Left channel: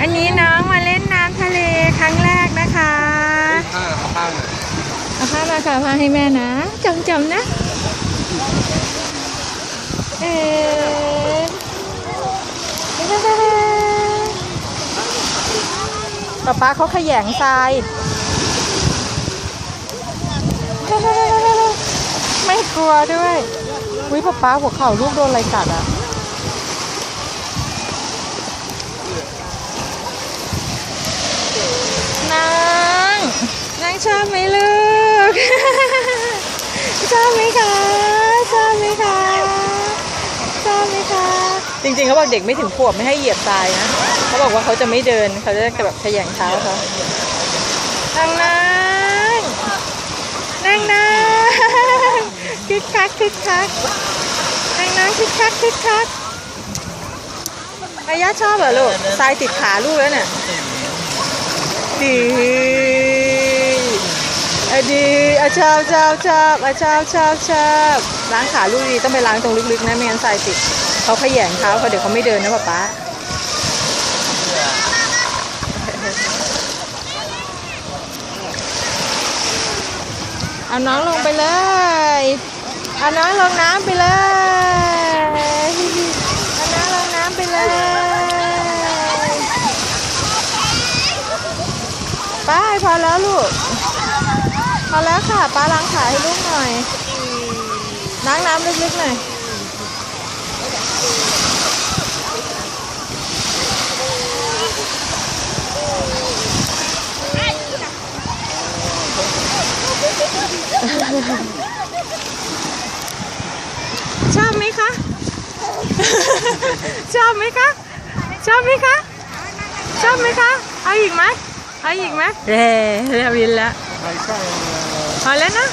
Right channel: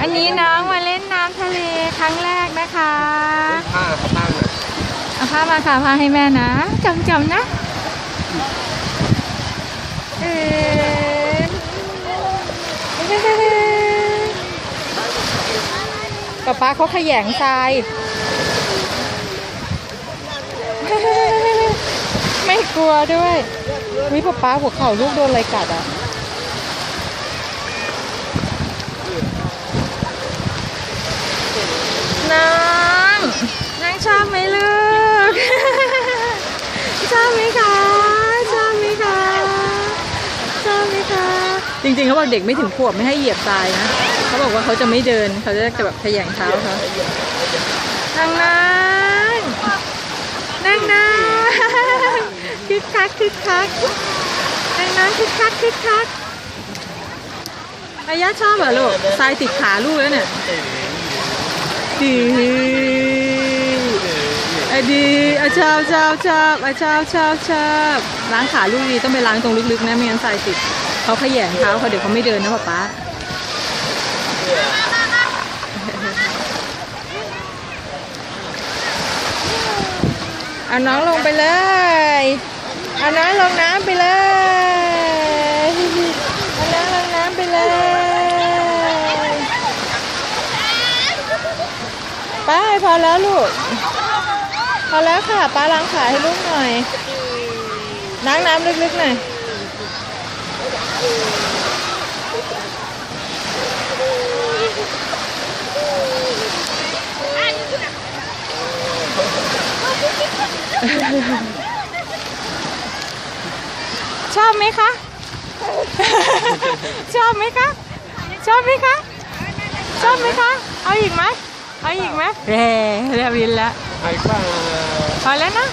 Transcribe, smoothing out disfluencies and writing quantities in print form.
อันนี้น้องมาเล่นน้ำทะเลครั้งแรกนะคะเอาผ้ามาค่ะผ้าให้แม่นะจำนะป๊าเขาขยงทรายไม่กลัวด้วยวิป๊าหัวเข่าลูกโดนอะไรกัดอ่ะนางชอบไหมลูก ชอบไหมคะชอบไหมคะชอบไหมคะจริงๆเขาบอกเด็กไม่ถึงขวบไม่ให้เหยียบทรายนะเขาบอกว่าเขาจะไม่เดินเขาจะแบบขยันเท้าเขานั่งคึกคักนั่งคึกคักย่าชอบเหรอลูกทรายติดขาลูกแล้วเนี่ยดีชอบล้างขาลูกดีต้องไปล้างตรงลึกๆนะไม่งั้นทรายติดเขาขยันเท้าเขาเดี๋ยวเขาไม่เดินนะป๊าเอาน้องลงไปเลยเอาน้องลงน้ำไปเลยเอาน้องลงน้ำไปเลยป้าพอแล้วลูกพอแล้วค่ะป้าล้างขาให้ลูกหน่อยล้างน้ำลึกๆหน่อยชอบไหมคะ ชอบไหมคะชอบไหมคะชอบไหมคะเอาอีกไหมเร่วินแล้วพอแล้วนะ